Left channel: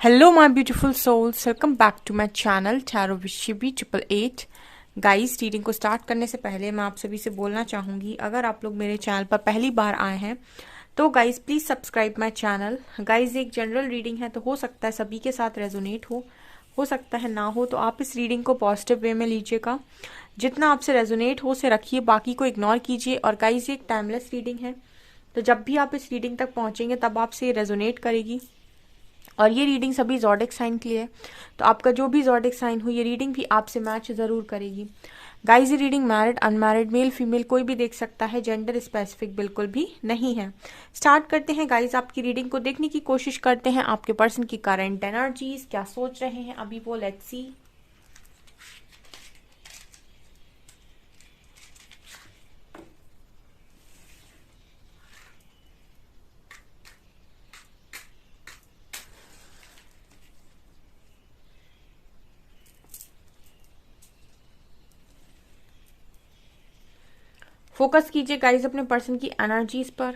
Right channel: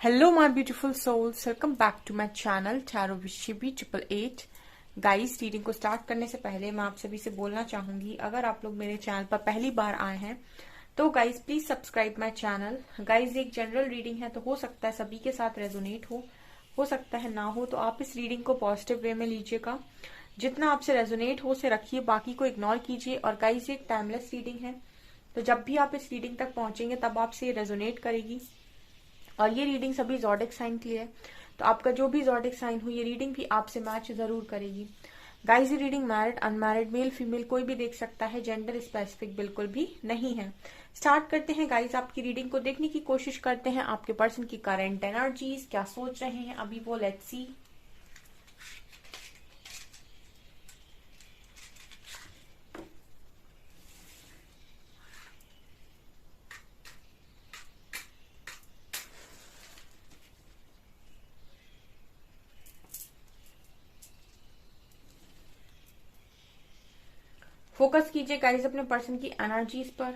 Hello, my beautiful souls. Welcome back to my channel Tarot with Shibi 888. Guys, reading को start करने से पहले मैं आप सभी से बोलना चाहूंगी, अगर आप लोग मेरे चैनल पर पहली बार आए हैं तो guys please subscribe my channel. Guys, एक जनरल रीडिंग है तो हो सकता है सभी के साथ रेजोनेट हो सकता है ना हो, तो आप इस रीडिंग को पॉजिटिव वे में लीजिएगा। जितना आपसे रेजोनेट हो उसे रखिए, बाकी को इग्नोर कीजिए। और गाइस, ये एक टाइमलेस रीडिंग है, तो जब भी आप इस रीडिंग तक पहुंचेंगे तब आपसे रेजोनेट करेगी। और ये रीडिंग सभी ज़ोडिक साइन के लिए है, तो आपका जो भी ज़ोडिक साइन हो ये रीडिंग भी आपसे मैच ज़रूर करेगी। गाइस, ये reading married unmarried male female कोई भी देख सकता है, जेंडर स्पेसिफिक बिल्कुल भी नहीं है। स्टार्ट करते हैं गाइस, आपकी रीडिंग को देखने की कोशिश करते हैं। आपके पर्सन की करंट एनर्जीज क्या सोच रहे हैं अभी वो, लेट्स सी। फोकस कीजिए गाइस अपने पर्सन की एनर्जीज पर।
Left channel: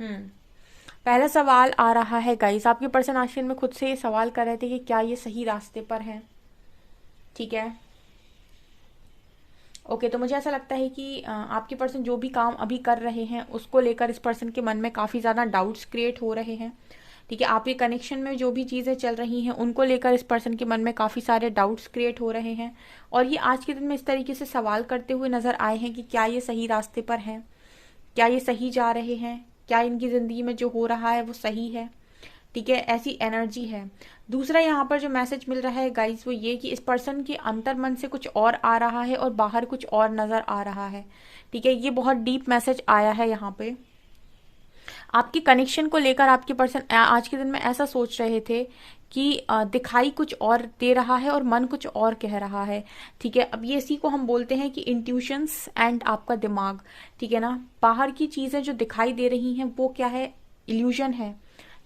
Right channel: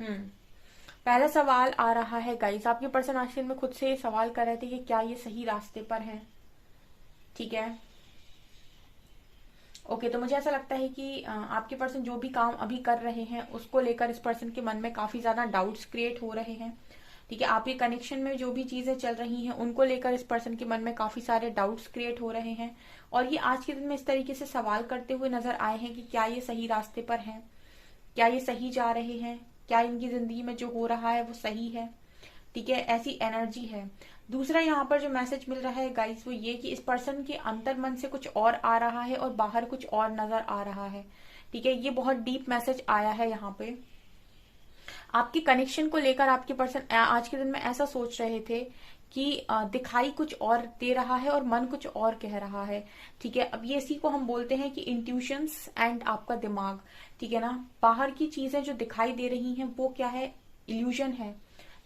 हम्म पहला सवाल आ रहा है गाइस, आपके पर्सन आखिर में खुद से ये सवाल कर रहे थे कि क्या ये सही रास्ते पर है। ठीक है, ओके, तो मुझे ऐसा लगता है कि आपके पर्सन जो भी काम अभी कर रहे हैं उसको लेकर इस पर्सन के मन में काफी ज्यादा डाउट्स क्रिएट हो रहे हैं। ठीक है, आपके कनेक्शन में जो भी चीजें चल रही हैं उनको लेकर इस पर्सन के मन में काफी सारे डाउट्स क्रिएट हो रहे हैं। और ये आज के दिन में इस तरीके से सवाल करते हुए नजर आए हैं कि क्या ये सही रास्ते पर हैं, क्या ये सही जा रहे हैं, क्या इनकी जिंदगी में जो हो रहा है वो सही है। ठीक है, ऐसी एनर्जी है। दूसरा यहाँ पर जो मैसेज मिल रहा है गाइस वो ये कि इस पर्सन के अंतर मन से कुछ और आ रहा है और बाहर कुछ और नजर आ रहा है। ठीक है, ये बहुत डीप मैसेज आया है यहाँ पे। आपके कनेक्शन को लेकर आपके पर्सन आज के दिन में ऐसा सोच रहे थे कि दिखाई कुछ और दे रहा है और मन कुछ और कह रहा है। ठीक है, अब ये इसी को हम बोलते हैं कि इंट्यूशंस एंड आपका दिमाग। ठीक है ना, बाहर की चीजें जो दिखाई दे रही हैं वो क्या है, इल्यूजन है।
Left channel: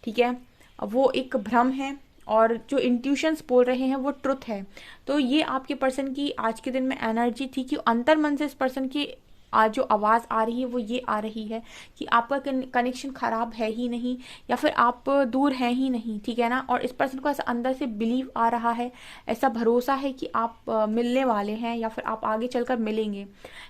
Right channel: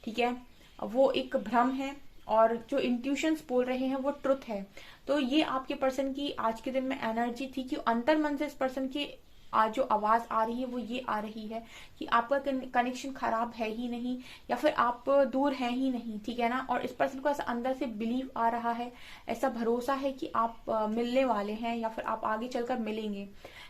ठीक है, वो एक भ्रम है। और जो इंट्यूशंस बोल रहे हैं वो ट्रुथ है। तो ये आपके पर्सन की आज के दिन में एनर्जी थी कि अंतर मन से इस पर्सन की आज जो आवाज आ रही है वो ये आ रही है कि आपका कनेक्शन खराब है ही नहीं, या फिर आप दूर हैं ही नहीं। ठीक है ना, और इस पर्सन को ऐसा अंदर से बिलीव आ रहा है, ऐसा भरोसा है कि आप मिलने वाले हैं या फिर आप आगे चलकर मिलेंगे।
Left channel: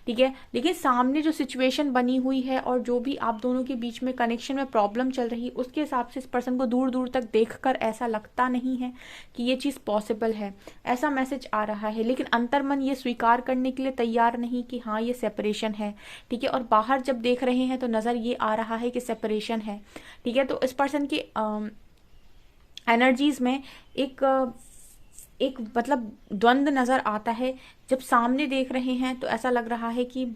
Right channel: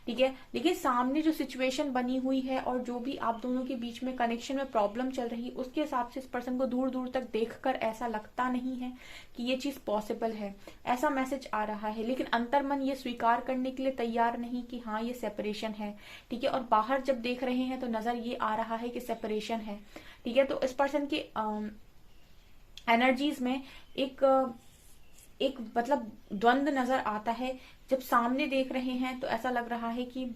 ठीक है, लेकिन सामने जो सिचुएशन बनी हुई है और जो भी आप दोनों के बीच में कनेक्शन में प्रॉब्लम चल रही है उसके हिसाब से इस पर्सन को दूर दूर तक देखकर ऐसा लगता नहीं है कि ये चीज पॉसिबल है। ऐसा मैसेज आ रहा है, लेकिन अंतर्मन ये स्वीकार करने के लिए तैयार नहीं कि हाँ ये सेपरेशन है। ठीक है, और बाहर जब देख रहे हैं तो नजर ये आ रहा है कि सेपरेशन है। ठीक है, तो इस पर्सन की एनर्जीज में एक एक मतलब द्वंद नजर आता है। जब सामने देख रहे हैं तो ऐसा लग रहा है कि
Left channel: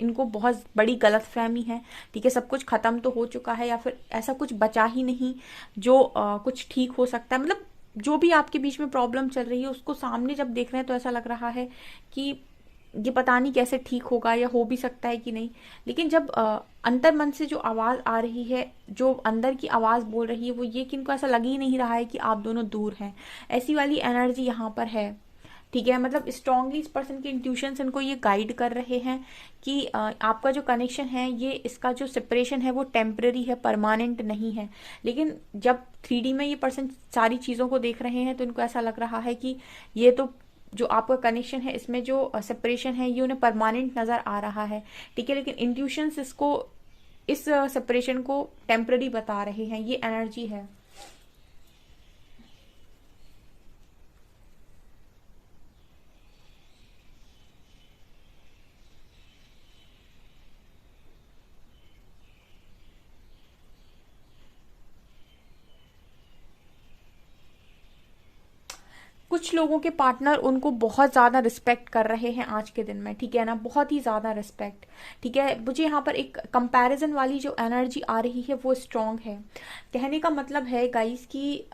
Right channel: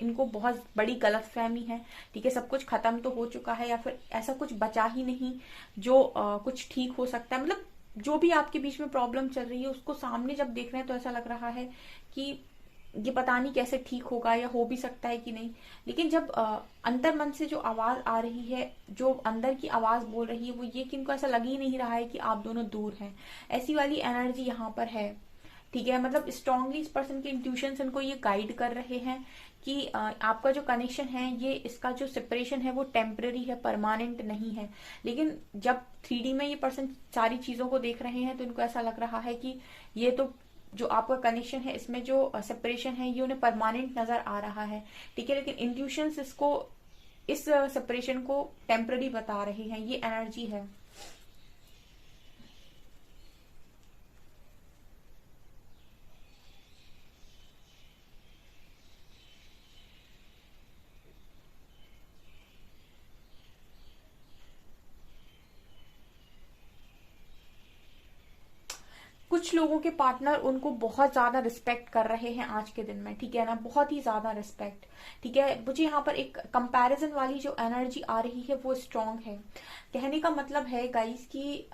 इनको बहुत बड़ी गलतफहमी है। ठीक है, सब कुछ खत्म तो हो चुका है या फिर ऐसा कुछ बचा ही नहीं जो कुछ ठीक हो सकता है। मतलब जो भी आपके बीच में प्रॉब्लम चल रही है उसको सामने जब देख रहे हैं तो ऐसा लग रहा है कि ये पता नहीं कैसे ठीक होगा या हो भी सकता है कि नहीं। लेकिन जब अंतर मन से जो आवाज आ रही है, जो अंदर की आवाज बोल रही है वो ये कि इनको ऐसा लग ही नहीं रहा है कि आप दोनों दूर हैं। ऐसी वाली एनर्जी यहाँ पर है। ठीक है, मतलब स्ट्रांगली इस पर्सन के इंट्यूशन इनको ये गाइड कर रहे हैं कि आपका जो कनेक्शन है ये इसका जो सेपरेशन है वो टेम्पररी है, परमानेंट नहीं है। लेकिन जब 3D में ये पर्सन सारी चीजों को देख रहे हैं तो इनको ऐसा लग रहा है कि ये तो जो आपका कनेक्शन है इसमें जो सेपरेशन है ये उन्हें परमानेंट नजर आ रहा है। ठीक है, लेकिन इंट्यूशंस इसको इस सेपरेशन को टेम्पररी बता रहे हैं, ये एनर्जी है। कुछ लोगों के पार्टनर उनको बहुत ज्यादा रिस्पेक्ट कर रहे हैं आज के दिन में। ठीक है ना, बहुत ही ज्यादा रिस्पेक्ट। ठीक है, मुझे यहाँ पर एक कंपैरिजन वाली जो एनर्जी आ रही है वो स्ट्रांग है। कहने का मतलब है गाइस कि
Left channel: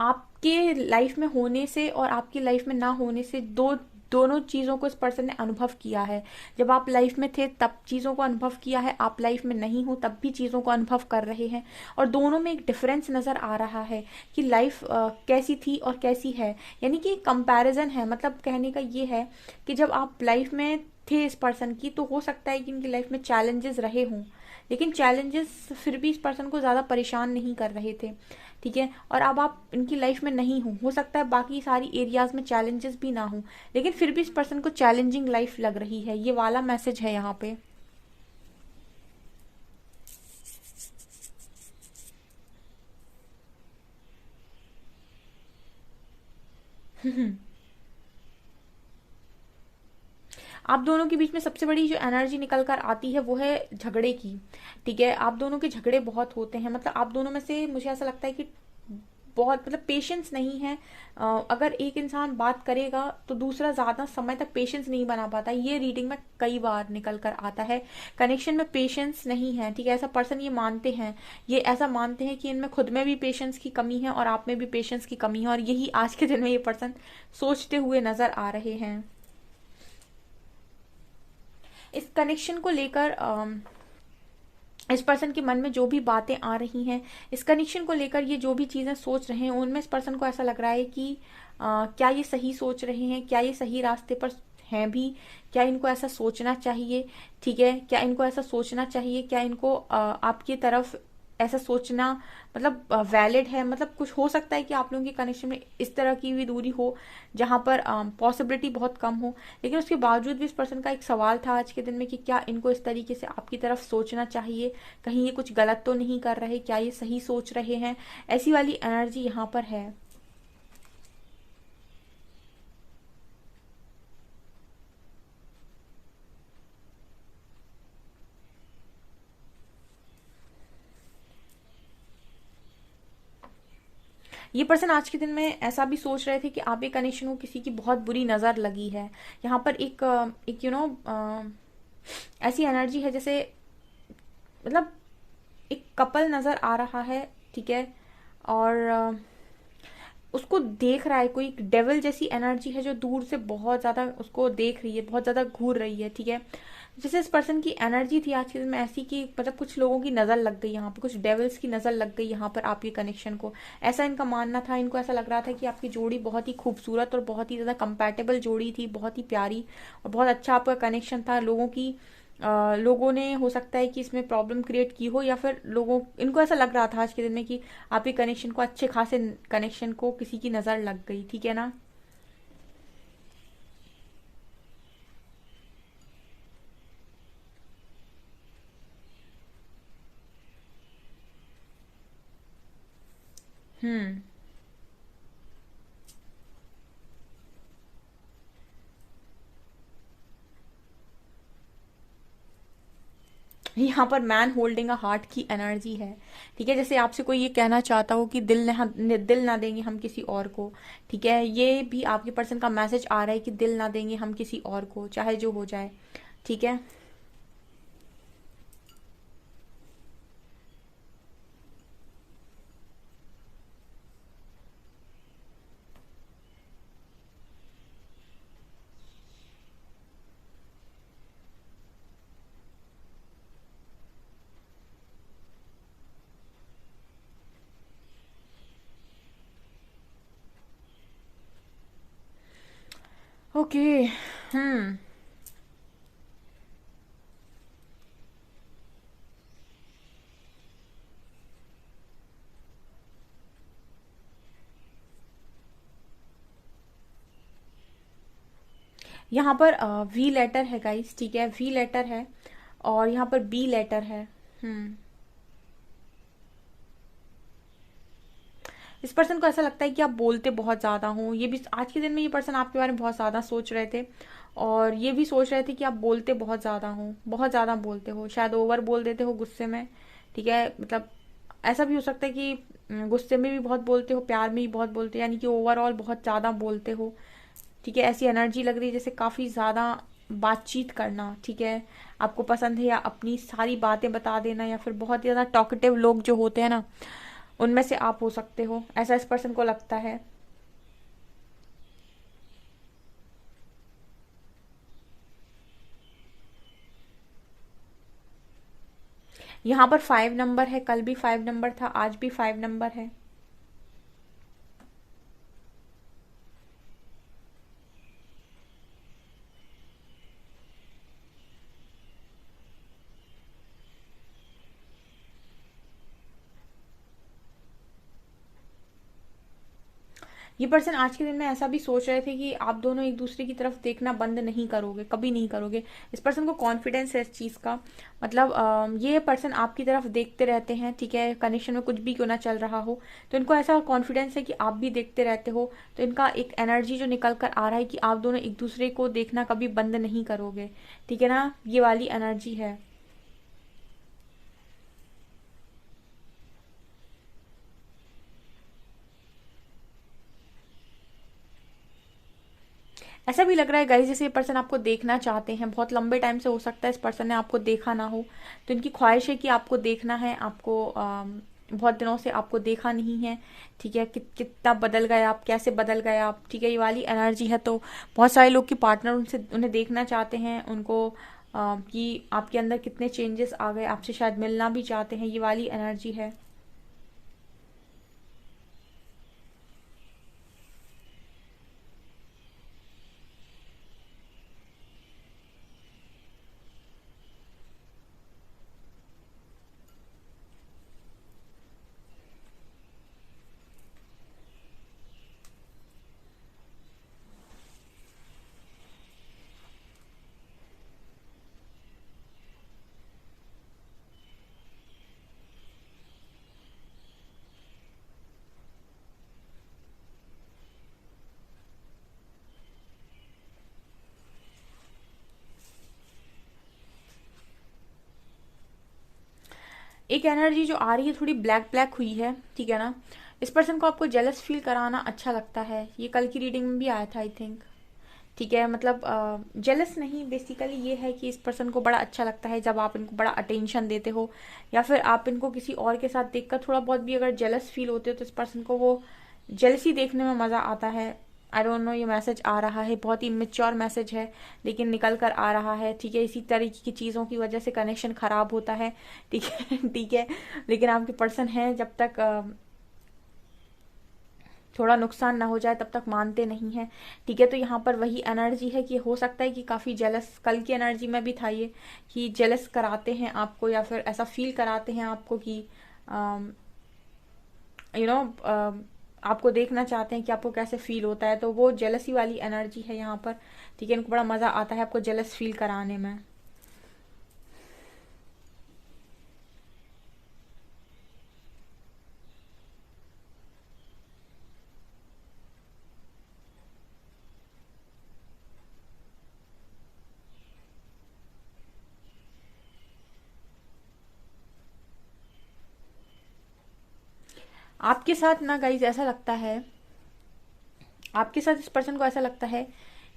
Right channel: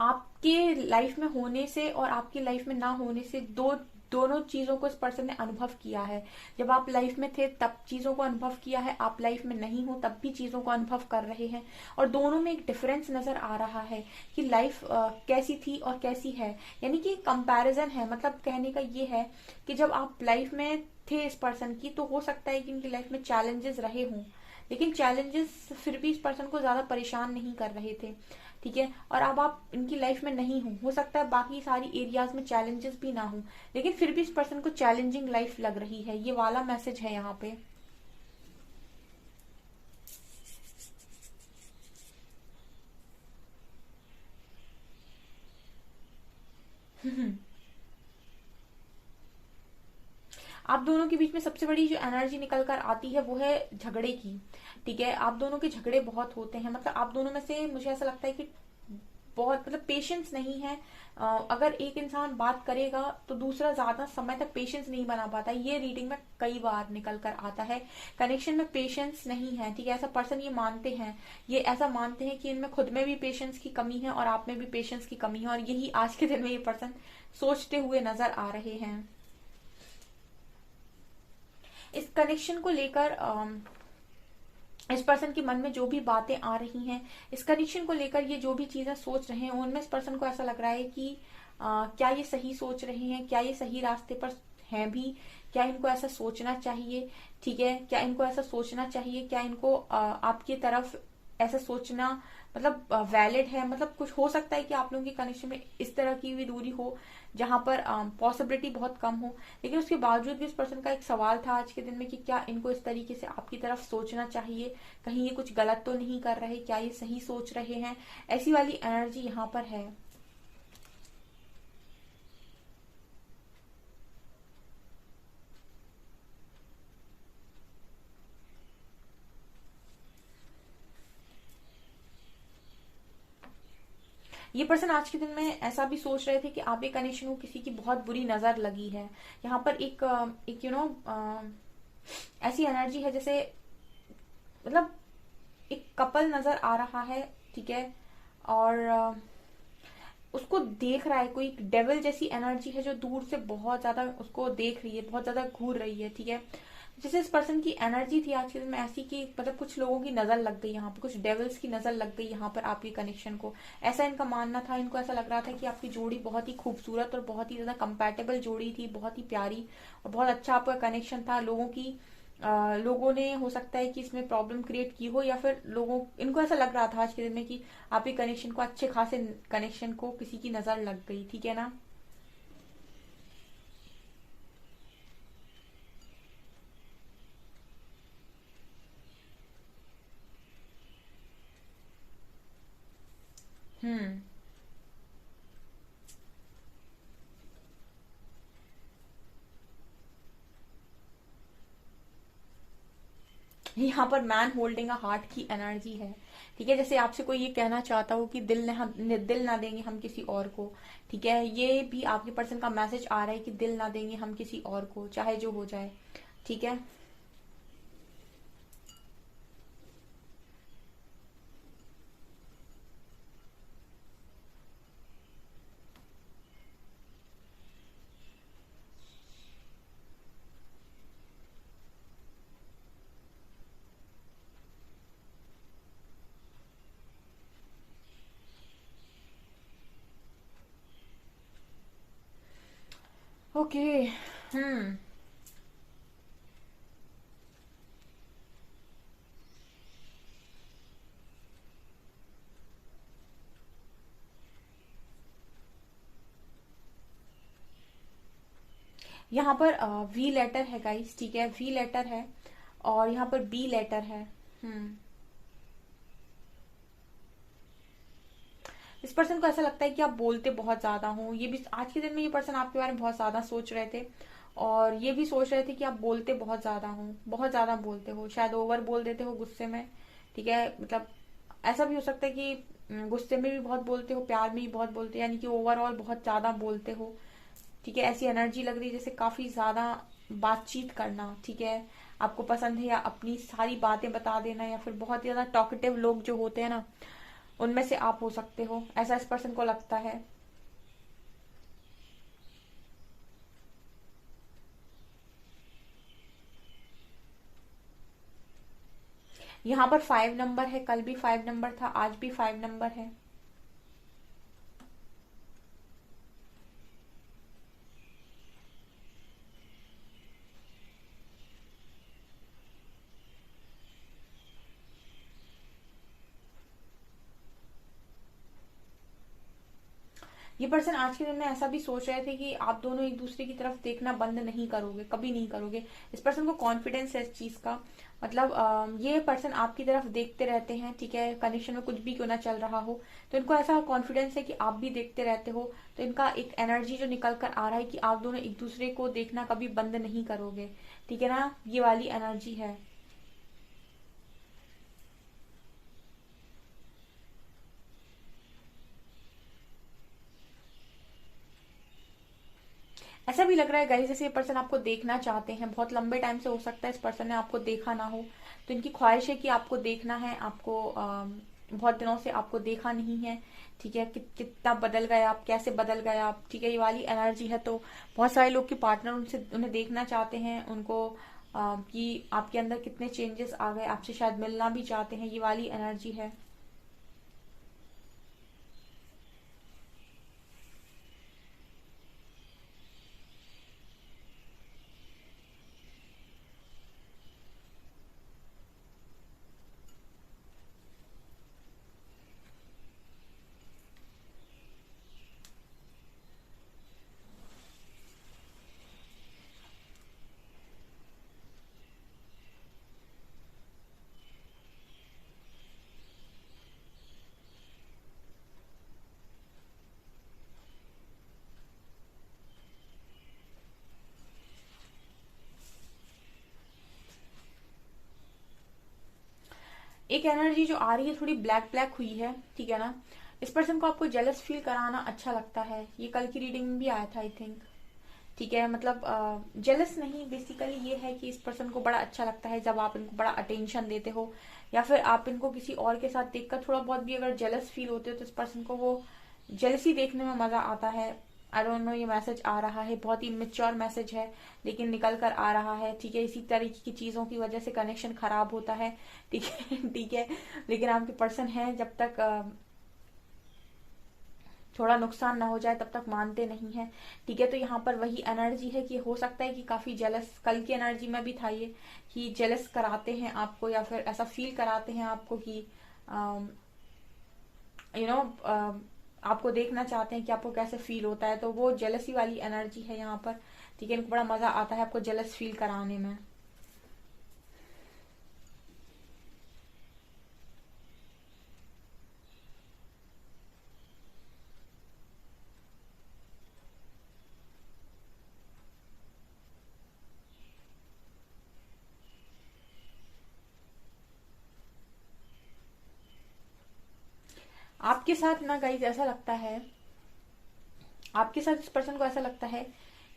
आपके लाइफ में होने से और आपकी लाइफ में ना होने से दो दोनों चीज़ों को इस पर्सन ने अनुभव किया है। जब आप लाइफ में थे तब चीज़ों को अनुभव किया है, आप लाइफ में नहीं हो तब भी चीज़ों को अनुभव कर रहे हैं, और दोनों में एक डिफरेंस नज़र आ रहा है कि लाइफ कैसी थी और कैसी है। यानी कि कंपैरिजन है। मतलब कहने का ये है कि जब आप लाइफ में थे इस पर्सन की, तो हो सकता है कि इनकी लाइफ में चैलेंजेस रहे हों, लेकिन चैलेंजेस फिर भी इस पर्सन को ज़्यादा परेशान नहीं कर रहे थे। ठीक है, और अब आप इनकी लाइफ में नहीं हो सकता है बाकी सारी एरियाज में चैलेंजेस भी ना हो, लेकिन फिर भी इस पर्सन को चैलेंजिंग लाइफ लग रही है। ये वाला मैसेज है यहाँ पे। आप दोनों के बीच में सबसे बड़ी जो एनर्जी निकल कर आती है वो है झगड़े की। ठीक है, आप दोनों के झगड़े बहुत होते हैं। मतलब आप दोनों में से मुझे ऐसा लगता है कि बहुत मतलब पेशेंस नहीं है। अगर एक इंसान बात करेगा तो दूसरा ज्यादा समय तक पेशेंस नहीं बना पाता। ये रीडिंग में कई बार निकल कर आता है। कनेक्शन में पेशेंस नहीं है। ठीक है, ऐसा पर्सन ये मानते हैं, ये ऐसा मानते हैं कि इनमें खुद में भी पेशेंस की कमी है और आप में भी पेशेंस की कमी है, और यही आज के दिन में ये पर्सन सोचते हुए नजर आ रहे हैं। इस कनेक्शन को लेकर इस पर्सन के मन में जो भी बातें आ रही हैं, इस कनेक्शन को लेकर ये जो भी चीजें सोच रहे हैं, उनमें इस पर्सन को ऐसा लग रहा है कि क्या ये सही सोच रहे हैं, क्या ये सही रास्ते पर हैं भी, क्या इनको ऐसा सोचना चाहिए। ठीक है, क्या इनको ऐसा सोचना चाहिए, क्या इनको आपकी तरफ ऐसा सोचना मतलब वैलिड है। मतलब कुछ हो सकता है कि आप लोगों के कनेक्शन में इस तरह की भी दूरी हो जहां पर पॉसिबिलिटी बहुत कम हो, लेकिन उसके बावजूद भी इस पर्सन का एक सवाल था आज के दिन में कि क्या इनको इस तरीके से आपकी तरफ सोचना चाहिए, कहीं ये कुछ गलत तो नहीं कर रहे, क्या ये सही सोच रहे हैं। ऐसी वाली एनर्जी यहाँ पर है। ये पर्सन आज के दिन में ऐसा भी सोच रहे थे कि आप ये कनेक्शन को किसी की बहुत बुरी नजर लगी है। यहाँ पर एक ऐसी एनर्जी है जैसे मतलब एक कपल नजर आ रहा है। ठीक है, और उसको देख रहा है कोई, एक डेविल जैसी एनर्जी है जो दूर से बहुत ज्यादा उसको देख रही है, बहुत ज्यादा घूर रही है। ठीक है, जैसे इस पर्सन की एनर्जी थी आज के दिन में ऐसी कि मतलब कुछ लोगों की नजर लग गई यहाँ पे, कुछ डेविल्स की नजर लग गई यहाँ पर आपके कनेक्शन को। ऐसा इनका मानना था। इनको ऐसा लग रहा था कि आपकी जोड़ी बहुत ही खूबसूरत और बहुत ही ज्यादा कंपैटिबल जोड़ी थी, बहुत ही प्यारी और बहुत अच्छा आपका कनेक्शन था। लोगों ने हो सकता है कि इसमें प्रॉब्लम क्रिएट की हो, या फिर इनको ऐसा लग रहा था आज के दिन में कि आपके कनेक्शन को, अच्छे खासे कनेक्शन को किसी की नजर लग गई। ठीक है ना। हम्म। यहाँ पर मैन होल्डिंग अ हार्ट की एनर्जी है। ठीक है, जैसे आपसे कोई ये कहना चाहता हो कि दिल ना देंगे हम किसी और को। ठीक है, ये भी आपके पर्सन का मैसेज आ रहा है कि दिल ना देंगे हम किसी और को, चाहे जो हो जाए। ठीक है। ओके। हम्म। यहाँ पर वी लेटर है गाइस। ठीक है, वी लेटर है और यहाँ पर बी लेटर है। हम्म। इस पर्सन को ऐसा लगता है कि आप बोलते बहुत ज्यादा हो। ये भी आज के दिन में ये पर्सन आपके बारे में बहुत ज्यादा सोच रहे थे, और ये भी सोच रहे थे कि आप बोलते बहुत ज्यादा हो, बहुत ज्यादा बोलते हो, शायद ओवर बोल देते हो गुस्से में। ठीक है, मतलब ऐसा भी हो सकता है कि गुस्से में भी बहुत बोलते हो, प्यार में भी बहुत बोलते हो, यानी कि ओवरऑल बहुत ज्यादा बोलते हो। ठीक है, ऐसी एनर्जी लग रही है जैसे काफी ज्यादा बातचीत करना। ठीक है, आपको पसंद है, या अपनी सारी बातें बता देना, या फिर बहुत ज्यादा टॉकेटिव लोग जो होते हैं ना, उनमें से आप हो सकते हो, ऐसा इस पर्सन को लगता है। यहाँ पर 5 नंबर है, कल भी 5 नंबर था, आज भी 5 नंबर है। ये पर्सन आज के दिन में ऐसा भी सोच रहे थे कि आप दोनों एक दूसरे की तरफ देखना बंद नहीं करोगे, कभी नहीं करोगे। इस पर्सन को कॉन्फिडेंस है इस चीज का, मतलब ये पर्सन आपकी तरफ देखते रहते हैं, ठीक है, कनेक्शन में कुछ भी क्यों ना चल रहा हो, तो इनको ऐसा कॉन्फिडेंस है कि आप भी देखते रहते हो। तो इनका एक एनर्जी जो निकल कर आ रहा है कि आप दोनों एक दूसरे को देखना कभी बंद नहीं करोगे, ठीक है ना, ये वाली एनर्जी है। ऐसा भी लग रहा है गाइस जैसे ये पर्सन आपको देखना चाहते हैं, बहुत लंबे टाइम से हो सकता है इस पर्सन ने आपको देखा ना हो, तो इनकी ख्वाहिश है कि आपको देखना है, आपको बहुत दिनों से आपको देखा नहीं है, ठीक है, कितना बदल गए आप, कैसे बदल गए आप, ठीक है, ये वाली एनर्जी है। तो बहुत सारे लोग की पार्टनर उनसे उन्हें देखना चाहते हैं, उनको कि आपके अंदर कितने चेंजेस आ गए, आपसे शायद मिलना भी चाहते हैं, ये वाली एनर्जी है। एक एनर्जी जो आ रही है थोड़ी ब्लैक ब्लैक हुई है, ठीक है ना, इस पर्सन को आपको जेलस फील कराना अच्छा लगता है, ये कल की रीडिंग में भी आया था आई थिंक, ठीक है, मतलब जेलस नहीं, बेसिकली ये है कि इस पर्सन को बड़ा अच्छा लगता है जब आप इनको बड़ा अटेंशन देते हो, या फिर आप इनको किसी और के साथ देखकर थोड़ा बहुत भी अगर जेलस फील होते हो तो इस पर्सन को वो जेलसी देखने में मजा आता है। आई डोंट नो, ये मैसेज आ रहा है, बहुत ही इमेच्योर मैसेज है लेकिन निकल कर आ रहा है, ठीक है, इसी तरीके की चीजों की वजह से कनेक्शन खराब होता है, ठीक है ठीक है, लेकिन आपके पर्सन है जब तक थोड़ा नुकसान ना हो जाए तब तक मानते नहीं है, ठीक है। तो यहाँ पर वही एनर्जी है कि हो सकता है कि काफी जेलस, कल की एनर्जी में भी था ये, कि जेलस कराते हैं आपको या फिर ऐसा फील कराते हैं आपको कि यू नो आपको देखना चाहते हैं कि आपको कैसे फील होता है, तो वो जेलसी वाली एनर्जी है यहाँ पर, ठीक है, इनको बड़ा मजा आता है आपको जेलस फील कराने में। आपके साथ ना गाइज ऐसा लगता है, आपके साथ इस पर्सन को ऐसा लगता है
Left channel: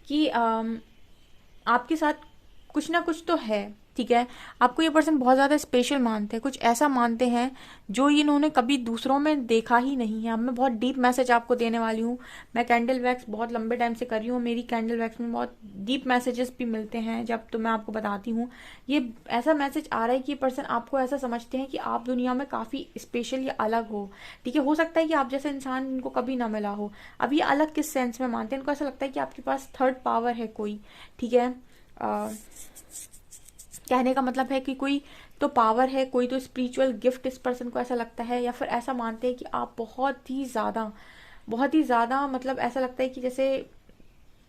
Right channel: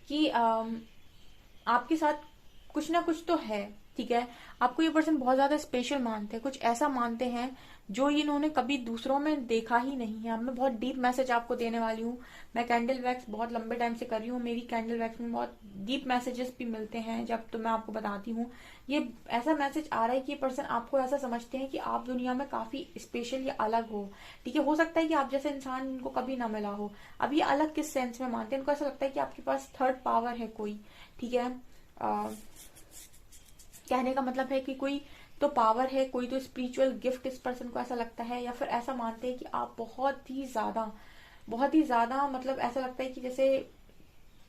कि आपके साथ कुछ ना कुछ तो है, ठीक है, आपको ये पर्सन बहुत ज्यादा स्पेशल मानते हैं, कुछ ऐसा मानते हैं जो इन्होंने कभी दूसरों में देखा ही नहीं है। अब मैं बहुत डीप मैसेज आपको देने वाली हूँ, मैं कैंडल वैक्स बहुत लंबे टाइम से कर रही हूँ, मेरी कैंडल वैक्स में बहुत डीप मैसेजेस भी मिलते हैं जब, तो मैं आपको बताती हूँ। ये ऐसा मैसेज आ रहा है कि ये पर्सन आपको ऐसा समझते हैं कि आप दुनिया में काफी स्पेशल या अलग हो, ठीक है, हो सकता है कि आप जैसे इंसान इनको कभी ना मिला हो। अब ये अलग किस सेंस में मानते हैं, इनको ऐसा लगता है कि आपके पास थर्ड पावर है कोई, ठीक है, कहने का मतलब है कि कोई तो पावर है, कोई तो स्पिरिचुअल गिफ्ट इस पर्सन को ऐसा लगता है, या फिर ऐसा मानते हैं कि आप बहुत ही ज्यादा मतलब ऐसा लगता है कि जैसे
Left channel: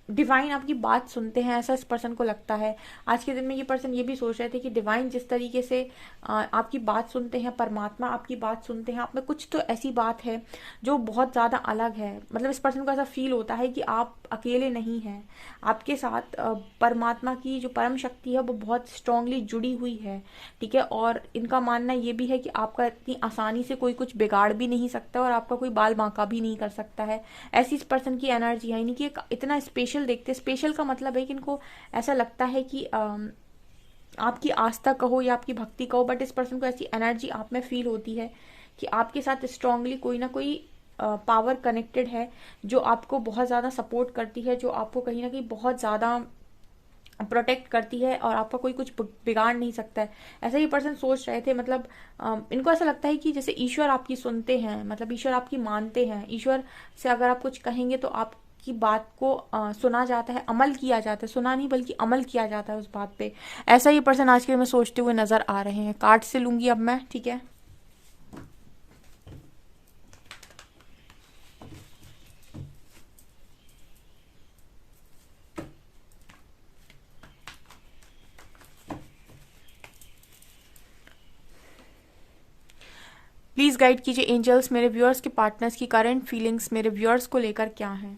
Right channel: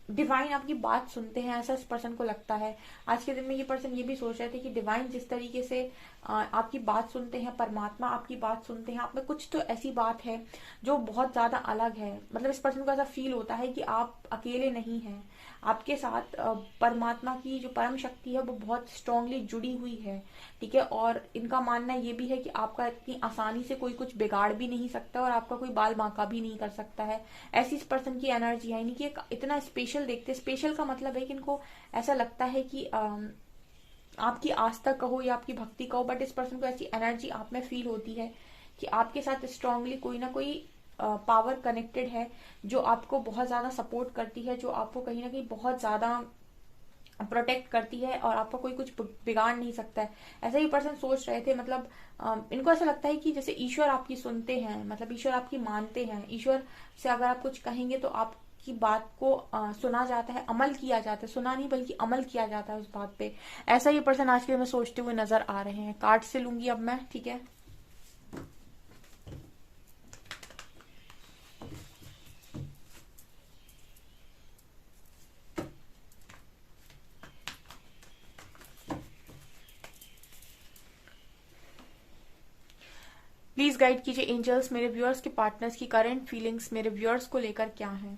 डिवाइन आपकी बात सुनते हैं, ऐसा इस पर्सन को लगता है। आज के दिन में ये पर्सन ये भी सोच रहे थे कि डिवाइन जिस तरीके से आपकी बात सुनते हैं, परमात्मा आपकी बात सुनते हैं, आप में कुछ तो ऐसी बात है जो बहुत ज्यादा अलग है, मतलब इस पर्सन को ऐसा फील होता है कि आप अकेले नहीं हैं, आपके साथ परमात्मा की जो परम शक्ति है वो बहुत स्ट्रांगली जुड़ी हुई है, ठीक है, और इनका मानना ये भी है कि आपका इतनी आसानी से कोई कुछ बिगाड़ भी नहीं सकता और आपका कोई बाल बांका भी नहीं कर सकता है। ऐसी इस पर्सन की एनर्जी है, यानी कि इतना स्पेशल देखते, स्पेशल का मतलब है कि इनको ऐसा लगता है कि आपकी आस्था कहो या आपकी भक्ति कहो, बट इस पर्सन को ऐसी एनर्जी आप में फील होती है कि आपके साथ स्ट्रांगली कोई ना कोई पावर कनेक्टेड है जो आपको बहुत ज्यादा सपोर्ट करती है, जो आपको कहीं ना कहीं बहुत ज्यादा प्रोटेक्ट करती है और आपका कोई कुछ बिगाड़ नहीं सकता है। ऐसा ही पर्सन सोच रहे थे, मतलब इनको ऐसा लगता है कि जैसे ईश्वर आपकी सुनते हैं, मतलब ईश्वर आपकी मानते हैं, ईश्वर से अगर आप कुछ कहेंगे तो आपकी बात को सुना जाता है, अमल किया जाता है, सुना नहीं बल्कि अमल किया जाता है उस बात पे। ऐसा ही पर्सन आज के दिन में सोचते हुए नजर आ रहे हैं। कार्ड से लूंगी अब मैं, ठीक है। प्लीज गाइड कीजिए एंजल्स, मेरे व्यूअर्स के पार्टनर्स की करंट फीलिंग्स मेरे व्यूअर्स को लेकर क्या है।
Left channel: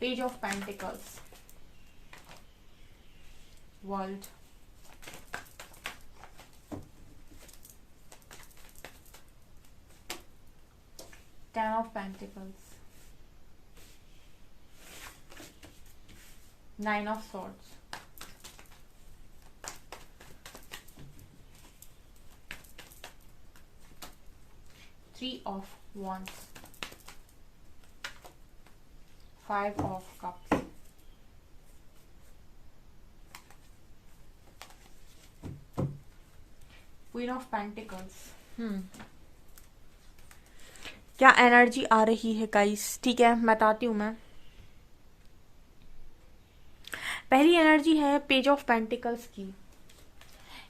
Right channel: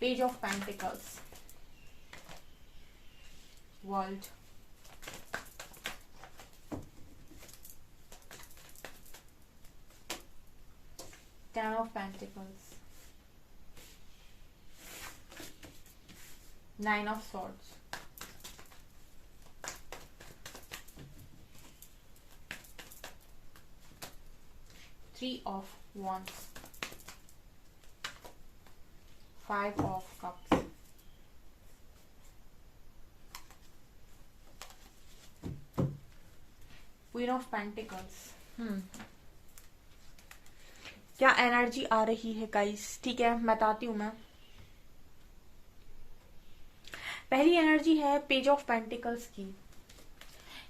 Page of pentacles, world, 10 of Pentacles, 9 of Swords, 3 of Wands, 5 of Cups, Queen of Pentacles। क्या एनर्जी आ रही है गाइस, ठीक है बताती हूँ मैं। पहली एनर्जी है पेज ऑफ पेंटिकल्स की।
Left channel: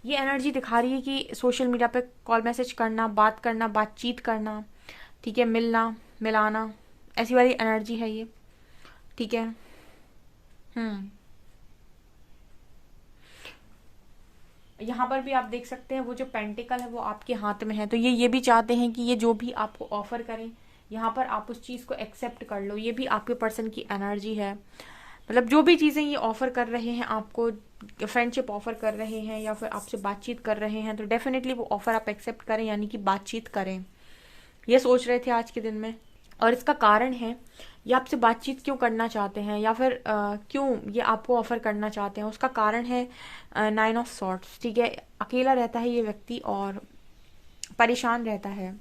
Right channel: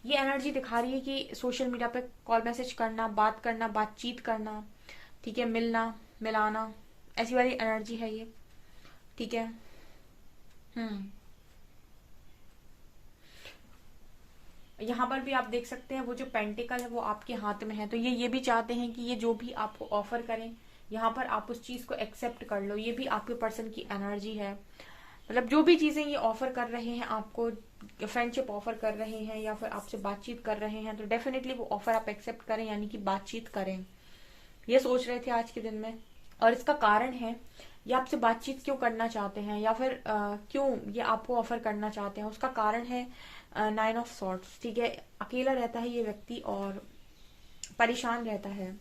ये एनर्जी दिखा रही है कि सोशल मीडिया पे कॉल मैसेज करना, बात करना, बातचीत करना, ठीक है, मिलना मिलाना, ऐसी वाली एनर्जी है ये, ठीक है। यहाँ पर भी आप देख सकते हैं वो जो पेंटिकल है वो आपके हाथ में है, तो ये भी चाहते हैं कि ये जो भी आपको ऑफर करें यहाँ पर आप उस चीज को एक्सेप्ट कर लो। ये भी आपके पर्सन की एनर्जी है, मतलब जो भी चीजें ये ऑफर कर रहे हैं आपको, फ्रेंडशिप ऑफर कर रहे हैं या फिर आपसे बातचीत कर रहे हैं, तो डेफिनेटली वो ऑफर आप एक्सेप्ट करें, यानी कि बातचीत करें, ये सोच रहे थे आज के दिन में। और इसका कारण है ये आपसे बातचीत क्यों करना चाहते हैं या फिर क्यों ये आपको ऑफर करना चाहते हैं, उसका कारण है 9 ऑफ सॉर्ट्स, ठीक है। अकेला रहता है ये व्यक्ति और परेशान रहता है,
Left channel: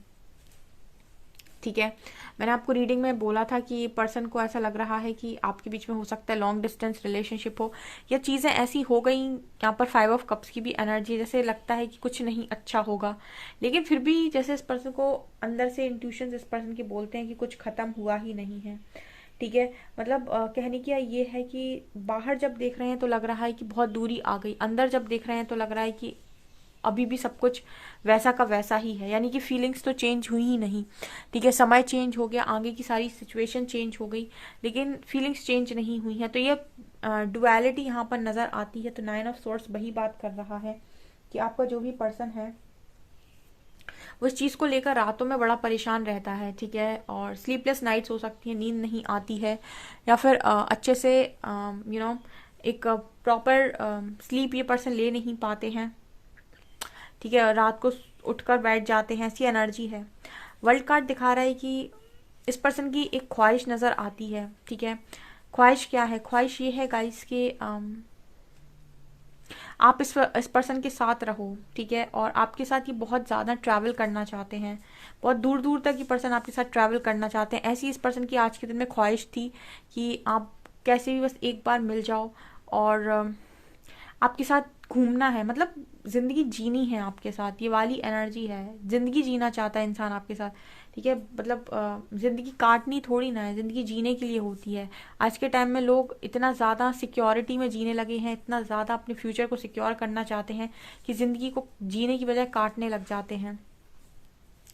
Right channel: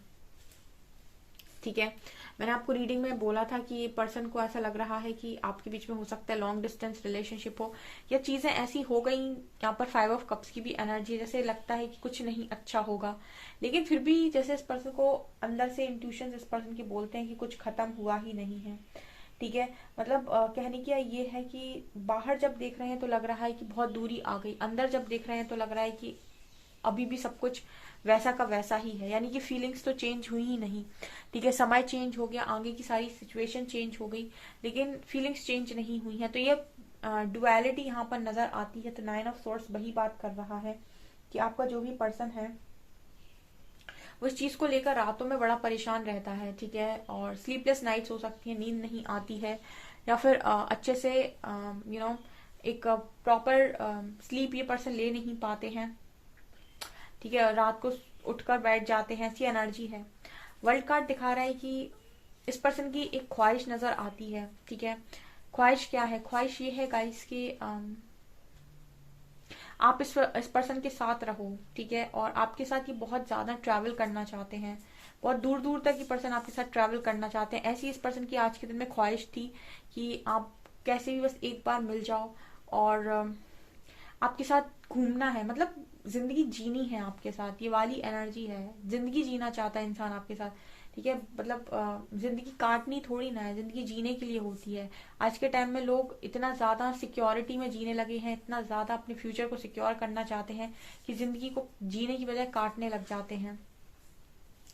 ठीक है। मैंने आपको रीडिंग में बोला था कि पर्सन को ऐसा लग रहा है कि आपके बीच में हो सकता है लॉन्ग डिस्टेंस रिलेशनशिप हो, या चीजें ऐसी हो गई। यहाँ पर 5 ऑफ कप्स की भी एनर्जी, जैसे लगता है कि कुछ नहीं अच्छा होगा, लेकिन फिर भी जैसे इस पर्सन को अंदर से इंट्यूशन इस पर्सन के बोलते हैं कि कुछ खत्म हुआ ही नहीं है, ठीक है। मतलब कहने की ये है कि बाहर जब देख रहे हैं तो लग रहा है कि बहुत दूरी आ गई, अंदर जब देख रहे हैं तो लग रहा है कि अभी भी सब कुछ वैसा का वैसा ही है, यानी कि फीलिंग्स तो चेंज हुई ही नहीं, ठीक है। समय चेंज हो गया, आगे की सारी सिचुएशन चेंज हो गई, लेकिन फीलिंग्स चेंज नहीं हुई है, तो ये डुअलिटी यहाँ पर नजर आती है। तो 9 ऑफ सोर्स वही बात कर रहा है कि आपका जो भी पर्सन है वो इस चीज को लेकर रातों में बड़ा परेशान रहता है, ठीक है। और स्लीपलेस नाइट्स हो सकती है, नींद नहीं आती है, या फिर अच्छे से एक प्रॉपर स्लीप ये पर्सन ले नहीं पाते हैं, ठीक है। रात को उठकर बैठ जाते हैं, ऐसी एनर्जी है। वर्ल्ड कार्ड दिखा रहा है कि इस पर्सन की एक ख्वाहिश नजर आती है, ठीक है। ख्वाहिश क्या है? ख्वाहिश ये है गाइस कि आप इस पर्सन के साथ रहो, ठीक है। और आपके साथ ये बहुत ज्यादा ट्रैवल करना चाहते हैं, बहुत दूर दूर तक ये पर्सन आपके साथ ट्रैवल करना चाहते हैं। ऐसी इस पर्सन की आज के दिन में ख्वाहिश थी कि आप कैसे भी बस एक बार मिल जाओ और आपके साथ घूमना है, मतलब जिंदगी जीनी है आपके साथ, ये वाली एनर्जी है। जिंदगी जीना चाहता है इंसान आपके साथ, ठीक है। मतलब जिंदगी काटनी थोड़ी ना है, जिंदगी जीने के लिए होती है। आज के टाइम में लोग इतना ज्यादा सिक्योरिटी में जीने लगे हैं, इतना ज्यादा अपने फ्यूचर को सिक्योर करना चाहते हैं कि जिंदगी को जीने की बजाय काटने लग जाते हैं,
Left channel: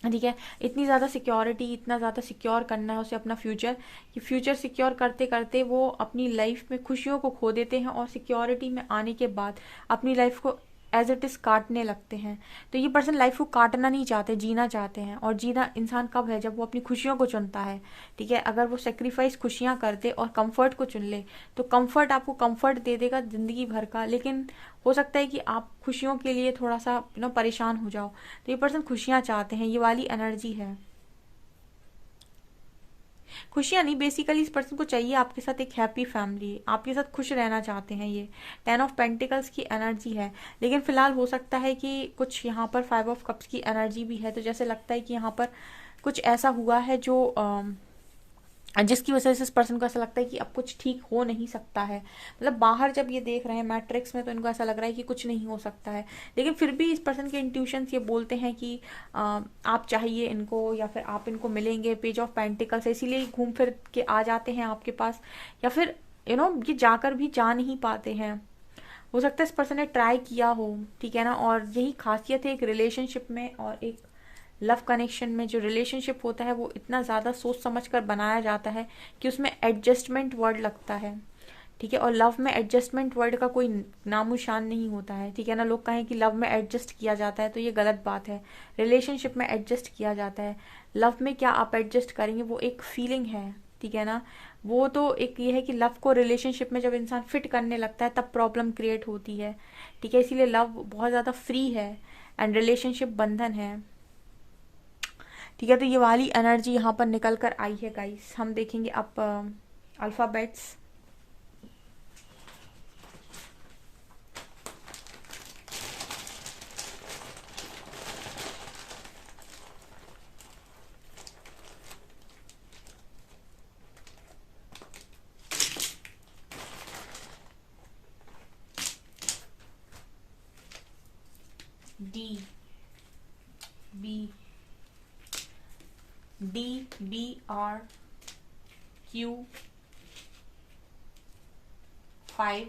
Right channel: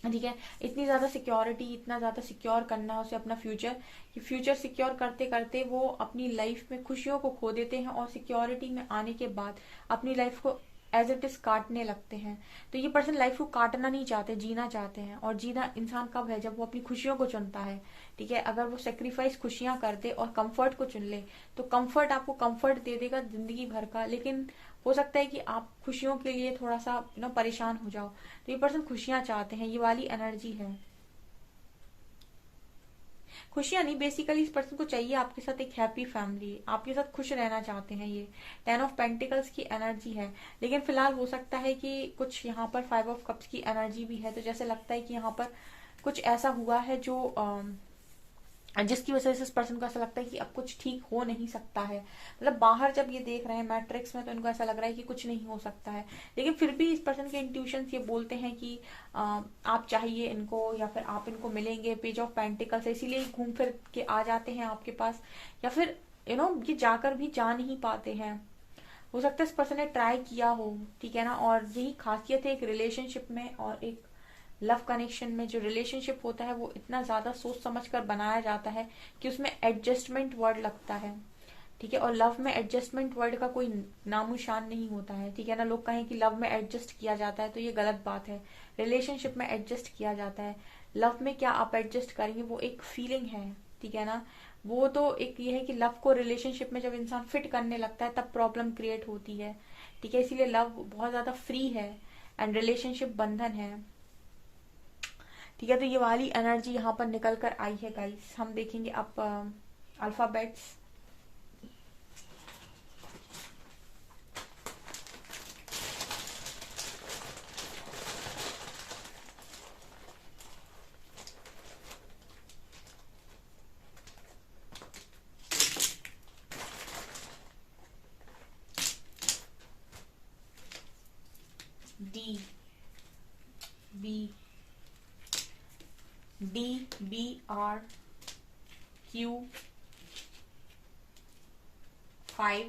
ठीक है। इतनी ज्यादा सिक्योरिटी, इतना ज्यादा सिक्योर करना है उसे अपना फ्यूचर, कि फ्यूचर सिक्योर करते करते वो अपनी लाइफ में खुशियों को खो देते हैं और सिक्योरिटी में आने के बाद अपनी लाइफ को एज इट इज काटने लगते हैं। तो ये पर्सन लाइफ को काटना नहीं चाहते, जीना चाहते हैं। और जीना इंसान कब है? जब वो अपनी खुशियों को चुनता है, ठीक है। अगर वो सेक्रीफाइस खुशियां कर दे और कंफर्ट को चुन ले, तो कंफर्ट आपको कंफर्ट दे देगा जिंदगी भर का, लेकिन हो सकता है कि आप खुशियों के लिए थोड़ा सा परेशान हो जाओ। तो ये पर्सन खुशियां चाहते हैं, ये वाली एनर्जी है। खुशियां नहीं, बेसिकली इस पर्सन को चाहिए आपके साथ एक हैप्पी फैमिली, आपके साथ खुश रहना चाहते हैं। ये 10 ऑफ पेंटिकल्स की एनर्जी है, लेकिन फिलहाल हो सकता है कि कुछ यहाँ पर 5 ऑफ कप्स की एनर्जी भी है। तो जैसे लगता है कि यहाँ पर कुछ ऐसा हुआ है जो जिसकी वजह से इस पर्सन को ऐसा लगता है कि अब कुछ ठीक हो नहीं सकता है। मतलब बाहर जब ये देख रहे हैं मैट्रिक्स में तो इनको ऐसा लग रहा है कि कुछ नहीं हो सकता है, लेकिन फिर भी इस पर्सन के इंट्यूशंस ये बोलते हैं कि आप चाहिए इनको या फिर आप इनको मिलेंगे। पेज ऑफ पेंटिकल्स है, इसीलिए घूम फिर के आ जाते हैं आपके पास, या फिर ये जाकर भी जा नहीं पाते हैं। हो सकता है इस पर्सन ने ट्राई किया हो, ठीक है ना। और यही खासियत है एक रिलेशनशिप में और एक लव कनेक्शन में। जो रिलेशनशिप होता है वो इतना ज्यादा सोच समझ कर बनाया जाता है कि उसमें एडजस्टमेंट वर्ड लगता है, ठीक है। और लव में एडजस्टमेंट वर्ड का कोई नामोशान नहीं होता है, ठीक है ना। लोग कहें कि लव में एडजस्ट किया जाता है तो ये गलत बात है। रिलेशनशिप में एडजस्ट किया जाता है, लव में क्या आप एडजस्ट करेंगे, वो एक फीलिंग है, ठीक है ना। वो तो एक ये है कि लव को रिलेशनशिप में जब इंसान फिट करने लगता है तब प्रॉब्लम क्रिएट होती है, ठीक है। इसीलिए लव बहुत ज्यादा फ्री है एंड रिलेशनशिप बंधन है, ठीक है। तो ये वाली एनर्जी यहाँ पर निकल कर आई है गाइस। हम देखेंगे अब alphabets. D B R Q 5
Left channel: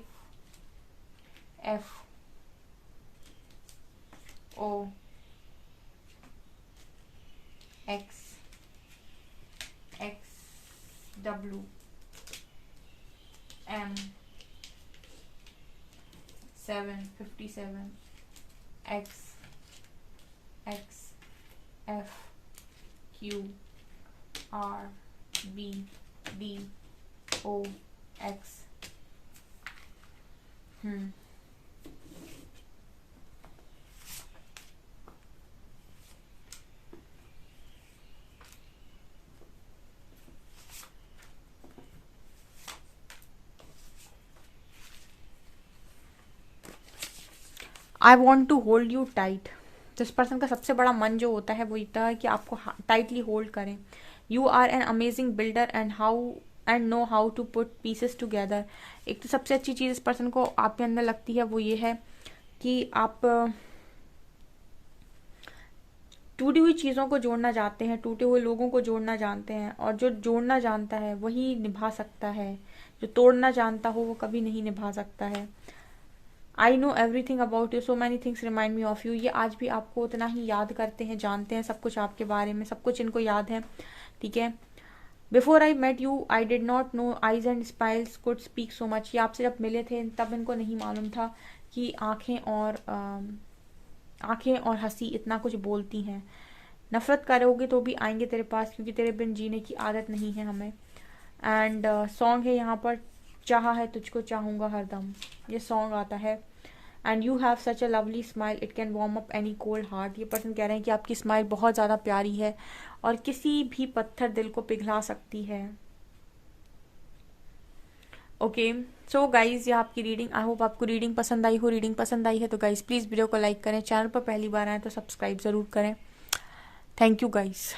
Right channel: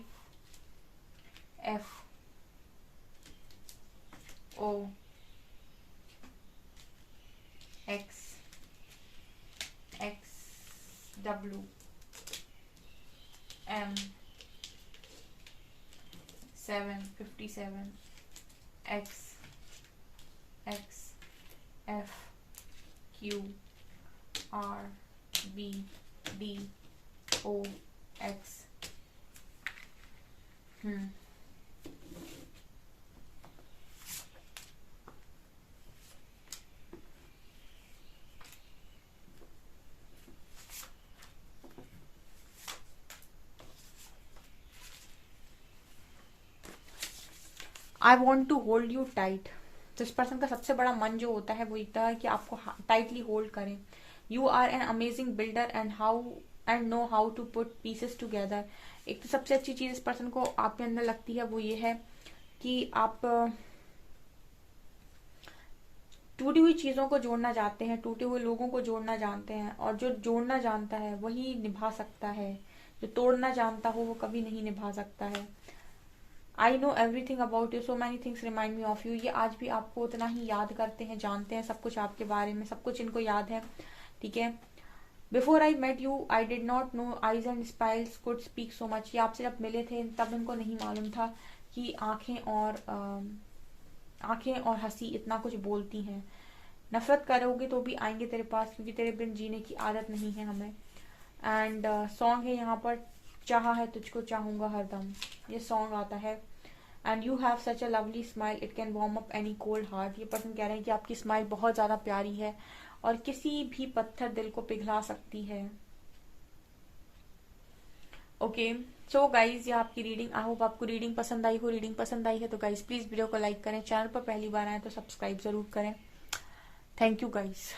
F O X W M 757 X F Q R B D O X. I want to hold you tight. तो इस पर्सन का सबसे बड़ा मन जो होता है वो इतना है कि आपको टाइटली होल्ड करें। You are an amazing builder and know how to put pieces together. एक तो सबसे अच्छी चीज इस पर्सन को आपके अंदर लगती है वो ये है कि आप टूटी हुई चीजों को जोड़ना चाहते हैं, टूटे हुए लोगों को जोड़ना जानते हैं, और जो जोड़ना जानता है वही निभा सकता है, जो तोड़ना जानता हो वो कभी नहीं निभा सकता है। I know everything about you, so many things remind me of you. ये आज भी आपको उतना ही याद करते हैं, जानते हैं सब कुछ आपके बारे में, सब कुछ इनको याद है, ठीक है। Before I met you I did not know eyes and smiles could speak so much. ये आपसे जब मिले थे तब इनको नहीं मालूम था कि आंखें और हंसी इतना कुछ बोलती हैं। नफरत करोगे तो भी आएंगे तेरे पास, क्योंकि तेरे बिन जीने की आदत नहीं है हमें। एंड सॉन्ग है यहाँ पर, चाहा है तुझको चाहूंगा हरदम, ये सॉन्ग आता है। And you have such a lovely smile it can warm up any cold heart. ये पर्सन कह रहे हैं कि आपकी स्माइल बहुत ज्यादा प्यारी है और किसी भी पत्थर दिल को पिघला सकती है। ओके सो गाइज, ये आपकी रीडिंग। आई होप आपको रीडिंग पसंद आई हो। रीडिंग पसंद आई है तो गाइज प्लीज वीडियो को लाइक करें, चैनल पर पहली बार आए तो सब्सक्राइब जरूर करें। Thank you guys.